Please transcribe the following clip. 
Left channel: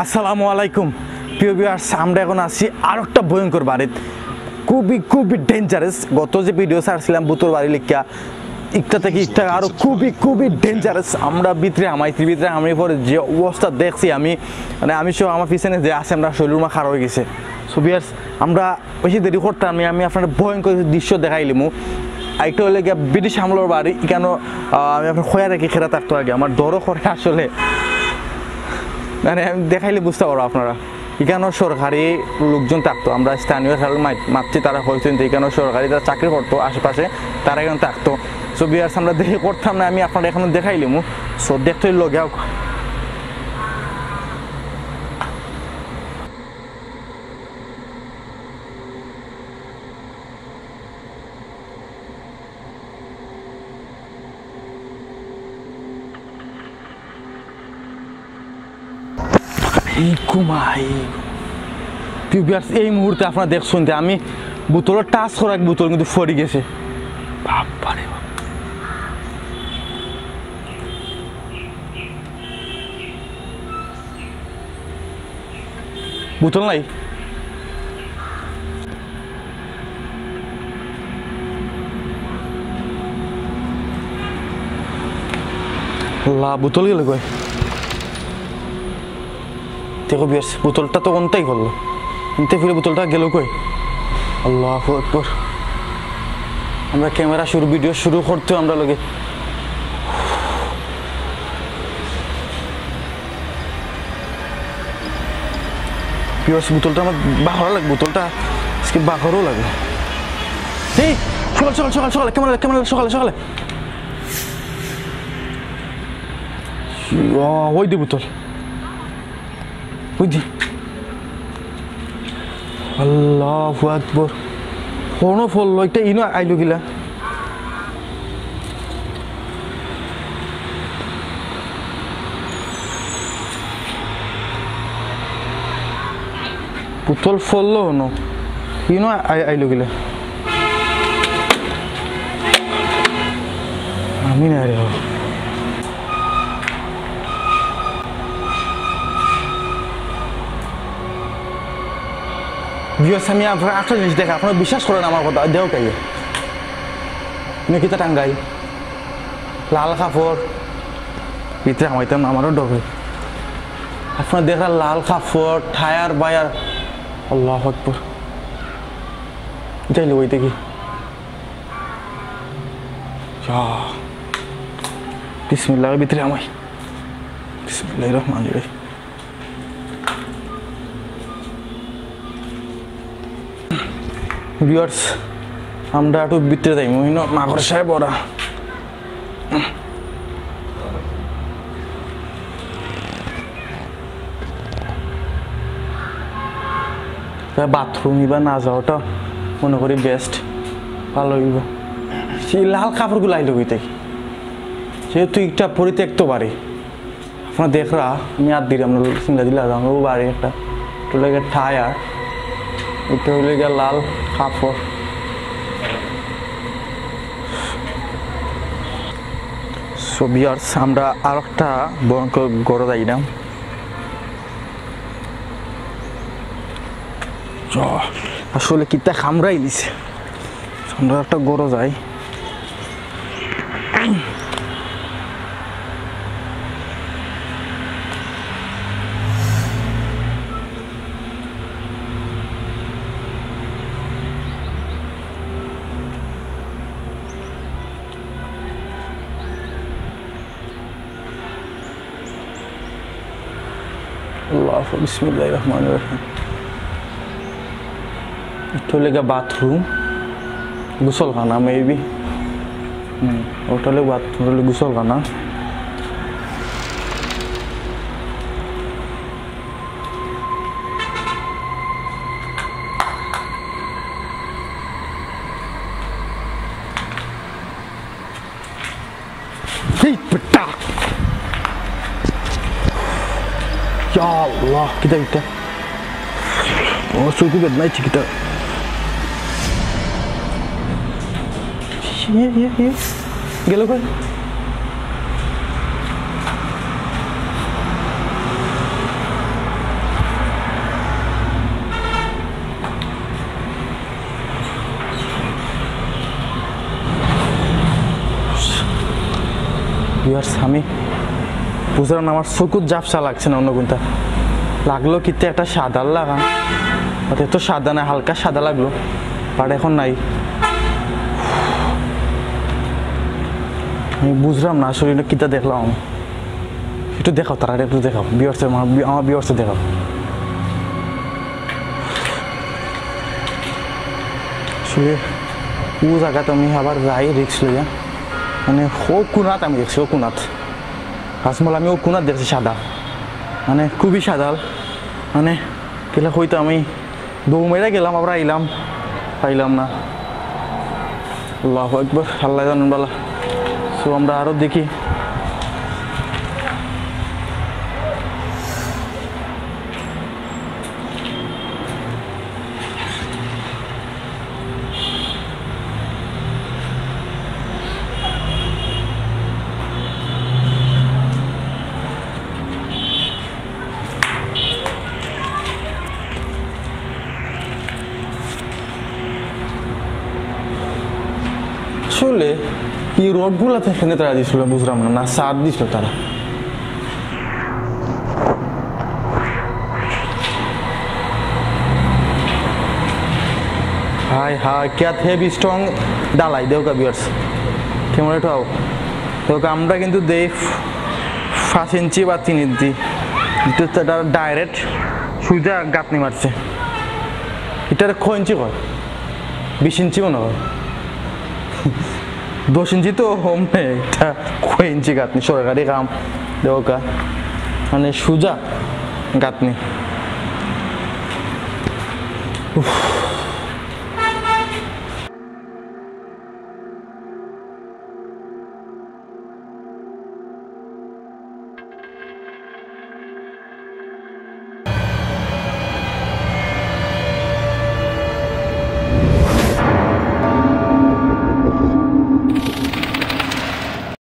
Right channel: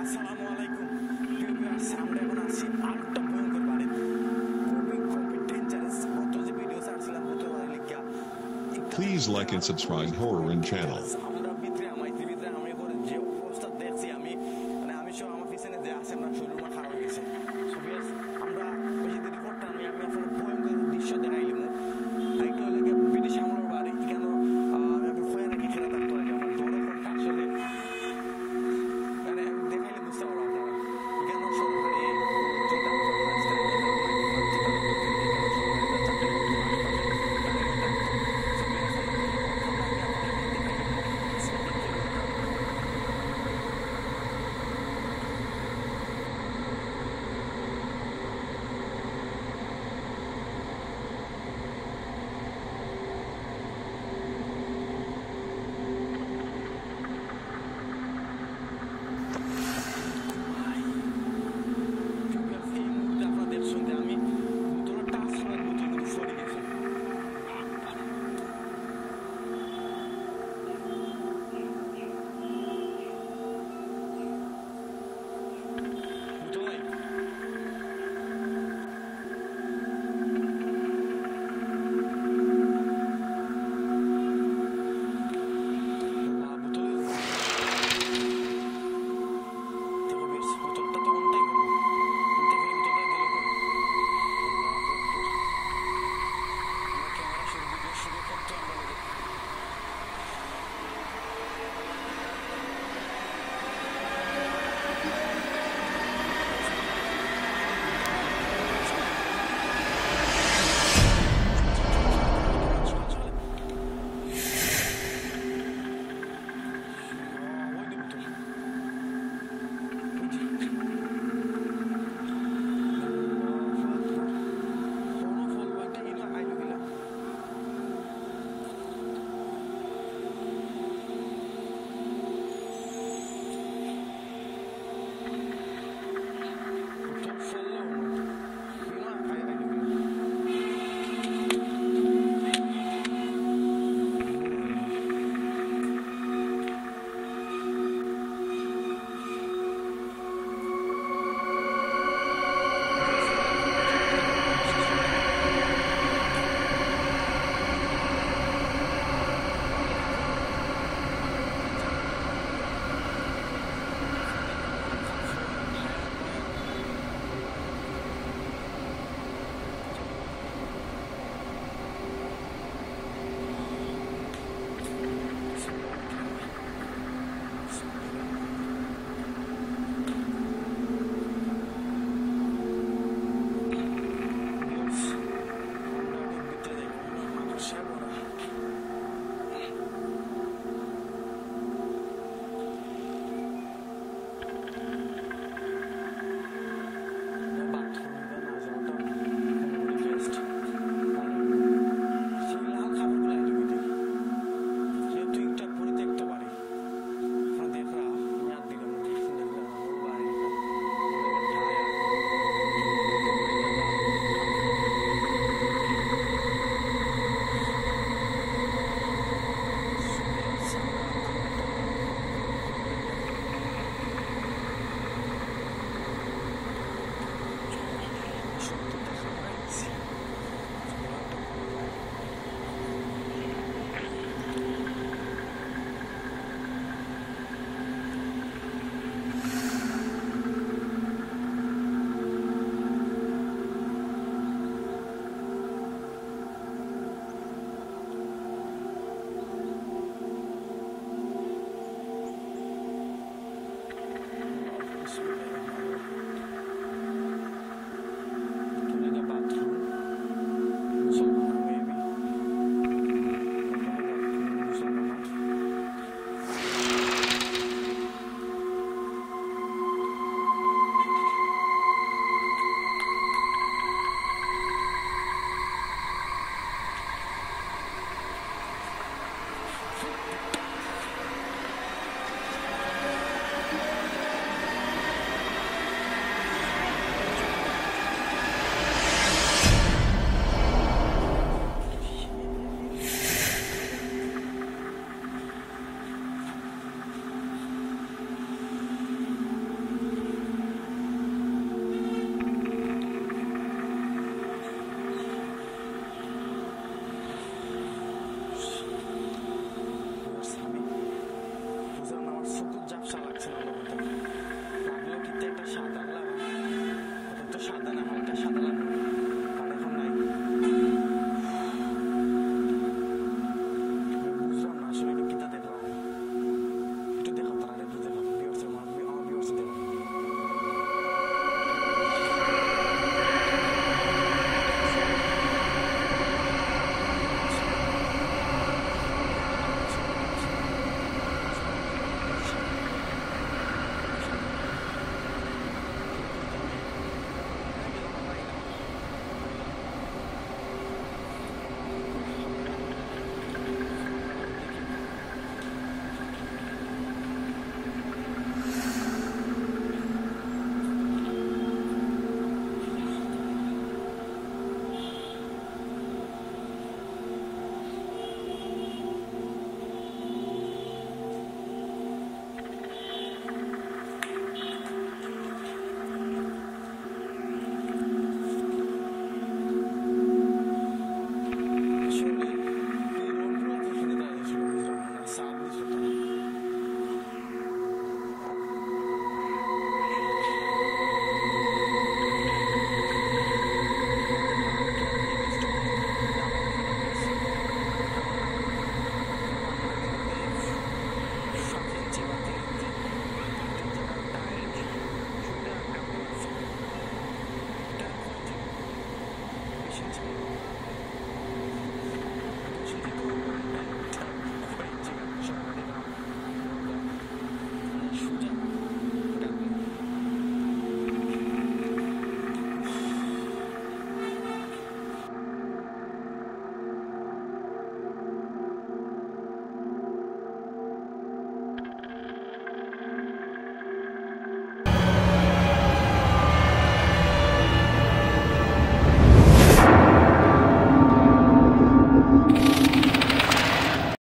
আসসালামু আলাইকুম প্রিয় ভিউয়ার্স, আমরা এখন আছি আর একটা ভয়ঙ্কর বাড়িতে, খুবই ডেঞ্জারাস। গত যে ভিডিও ছাড়ছিলাম বুতর বাড়ি লিখা একটা থেকে একটা আরো খুবই ডেঞ্জারাস। আমরা ভিতরে আমি পরে যে অবস্থা দেখছি আমি সহ আমার পিছনে যে আছে আমরা শরীর খারাপ হয়ে গেছে। সো ভিউয়ার্স, আমরা বেশি দেরি করতাম আমি আপনার ভয়ঙ্কর দৃশ্য দেখাইলিমু। একটা হলে গিয়ে ব্রিটিশ আমলের বাড়ি, কেন আমি আপনার খোয়া রেখে খেরা থাকতো আগে, আমার দরও করে আসলে আমি দেখাইলে বুঝতে পারবো আপনারা। এখানেও সরকারি লোকজন থাকতো, আমরা স্থানীয় খেলার মাতৃ তারা হয়েছেন এখানেও সরকারি যারা চাকরি করতো আশেপাশে তারা এখানে থাকতো। সো বিয়ার্স, আমরা দেখে করতাম না, আমি আপনারা এখনো দেখাইলিমু। সো দেখতে লগে এই মুহূর্তে আপনারা দেখছেন যে আমি বোতলের টাচ করা বোতল কিন্তু ফরি গেছে। বাবারে বোতল নাই, বোতল গেল কই? দেখো বিয়ার্স, বোতলটা তো কোনটাই করলো, কিনতে ফিরে বোতলটা গেল কই? আল্লাহু আকবার। আমরা ক্যামেরা ভিডিও শুরু করতেও আমরা লগে বিয়ার্স, বোতলটা আমার বাহরা লাগে, বোতলটা আজকে বাহরও লাগে। এই সকালে ক্যামেরা সকালে ওই দি বোতল, বুঝছি। আল্লাহু আকবার, কোনো ফল একটা ইনো আইলো গিলা। বোতল ফললো হনো ইনো আইলো গিলা। আমি না রে আমি আপনার একটা জিনিস দেখা, আপনারা বিশ্বাস করেন আমার কথা, দেও কাই মেকিতে টাঙ্গাই লাল কাপড় ভিতরে আমাইতাম, আমারও ডবে আপনার দেখা লাল কাপড় টায়ার বায়ার। আল্লাহু আকবার, যাইলো ওই দেখি। বিসমিল্লাহর ভিতরে আমায়, বিসমিল্লাহির রহমানির রহিম। ভিউয়ার্স, আমরা একটু ভিতরে যাই, মাঘর সাহেব ওরা বাথরুম বা না যাওয়াটা মনে করি বেস্ট, ভালো হইব। সেই লাল কাপড়গুলো আইলো হইতে, যেহেতু একটা পরিত্যক্ত বাড়ি আপনার দেখরা, আমি আর দিলাম চিন্তা দিলাম আমার বাড়ি একটা টায়ার, এটা হইলে গিয়ে লাল কাপড়। সো ভিউয়ার্স, আমরা আর একটা ভয়ঙ্কর গড়ে যাইলাম। আসলে কিতা খামরাই দিছে, আমরা একটা গড়ে যাই। বিসমিল্লাহির রহমানির রহিম। এটা হলে বাথরুম, গোসলখানা মেবি, ওটা হলে বাথরুম, হলে গোসলখানা। Ya Allah, kita oh so itu bed night kita. Iya gelo kan. Viewers আমি বুঝলাম না, আমার চকুত জাপসা লাগছে না অন্য কোনটা লাগলো, কিন্তু একটা সাদা লাগান, এত সাদা না, হালকা সাদা লাগলো, বাট এখন নাই। আমি বুঝলাম না আসলে এটা কিটা দেখলাম আমি। একটু দেখাও, তারা একটু দেখাও ভিউয়ার্সের, আমার ভিউয়ার্সে দেখাও। আসলে ও জায়গাতে আমি আবার যাই রিক্স লইয়া, মানে ও কোনাত আমি দেখছি, ও কোনাত হাসমল আমি ও কোনাত দেখছি সাদা, মানে খুবই সাদা, মানে গেলে হয়তো আমি দৌ মেরে গেলাম, আবার আইলাম, পাইলাম না। আল্লাহু আকবার, আল্লাহ জানেন বালা। সো আমরা আরো দেখি। আসলে এই রোডগুলো এখানে তারা দিছিল, বুঝলাম না, না সার দিছিল তারা। हाय हाय क्या थे भी स्ट्रंग डालाई देव का व्यूअर्स कैमरा उठाओ तो আমরা কিন্তু দেই 5 ইঞ্চি বা 3 ইঞ্চি, এটা ডাইরেক্ট সুজা গাঁথনি মারছে। এটার কয় ইঞ্চি হয়? 20 ইঞ্চি মনে হয়, 10 ইঞ্চি তো হোম নেই, এটা কয় ইঞ্চি গাঁথনি, সরকারি কাম দেওকা, মানে সুজা গাঁথনি।